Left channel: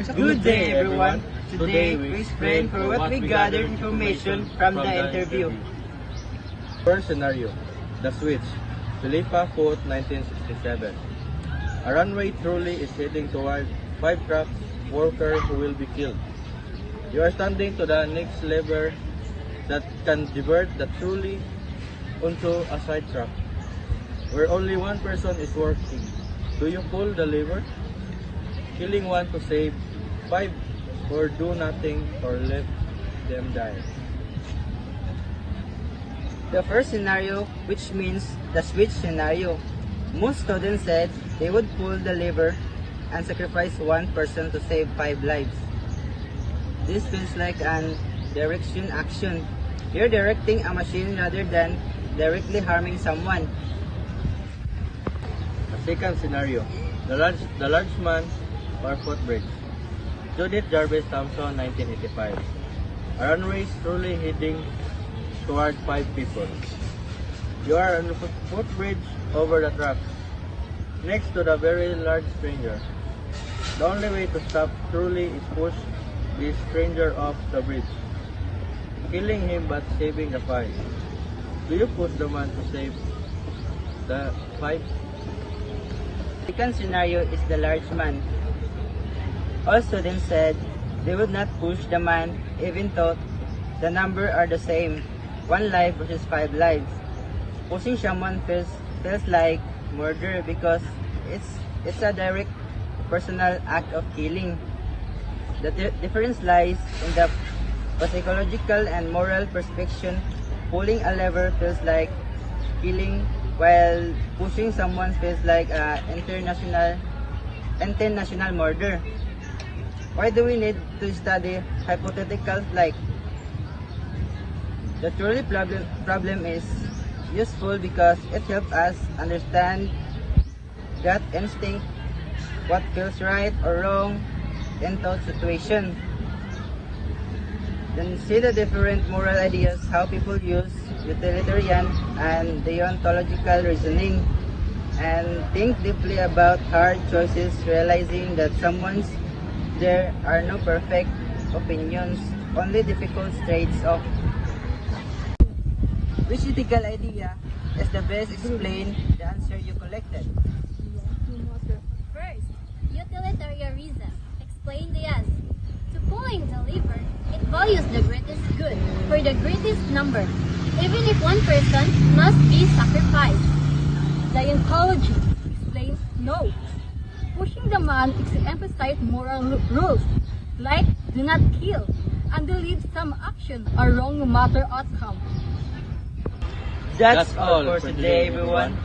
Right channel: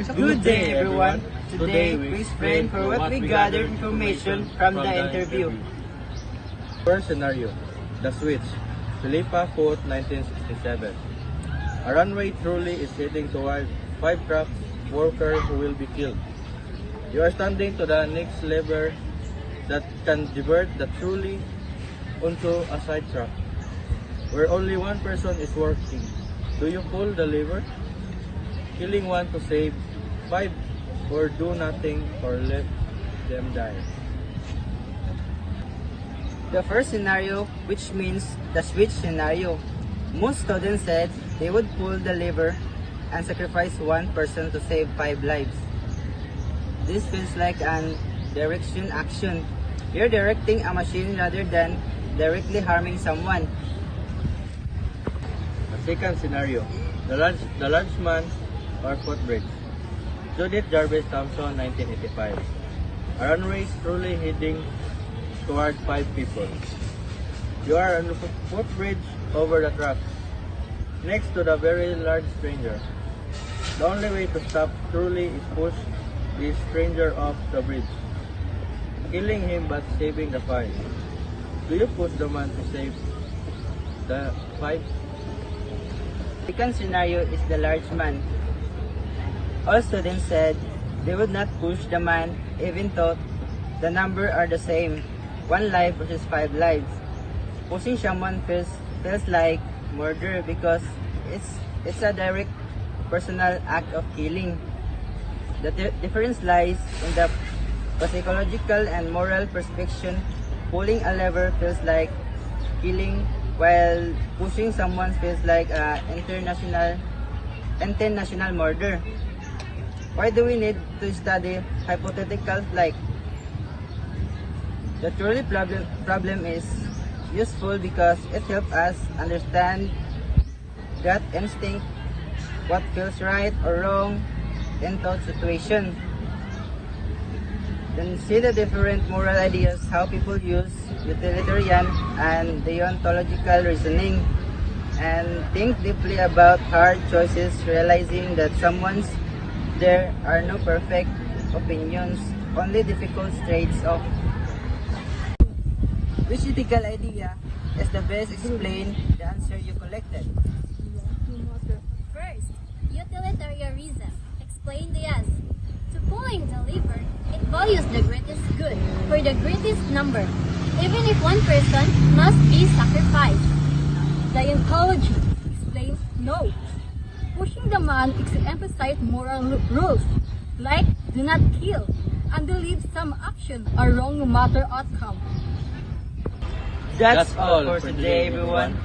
Good day, everyone. Today, we explain for what we gathered information from the interview. First scenario, the switch. Philippa Foot, 1967. A runway trolley is heading toward 5 truck worker who will be killed. You are standing to the next lever that can divert the trolley onto a side track where only one person is working. Do you pull the lever, killing one to save 5, or do nothing or let them die? The first scenario, which means the switch scenario. Most students said they would pull the lever and sacrifice one person to save 5 lives. This feels like an direction action. You're directing a machine rather than directly harming someone. The second scenario, the large man or footbridge. Judith Jarvis Thompson, 1985. A runway is truly heading toward 5 people. You are on a footbridge over the track, next to the very large stranger. The only way to stop truly is push this stranger off the bridge, killing him but saving the 5. Do you push the man to save the 5? Second scenario is the large man. All students said they would not push the man even though the number are the same, 1 life versus 5 lives. Pushing someone feels like murder because it's a direct personal act of killing. The difference lies in the psychological and moral perspective. Pulling a lever feels like killing, while pushing someone feels like international murder. Why do we need to study hypotheticals like? The truly problem is useful because it helps us understand gut instinct, what feels right or wrong in those situations. Then see the different moral ideas, how people use utilitarian and deontological reasoning, and think deeply about hard choices, realizing that there are no perfect opinions, only difficult trades-off. Which ethical idea is the best explain the answer you collected? First, utilitarianism. Explain the answer. To pulling the lever, it values the greatest good for the greatest number, even if one person must be sacrificed. The ontology explains no. Pushing the man emphasizes moral rules, like do not kill, and believe some action are wrong no matter outcome. That's all for today, everyone.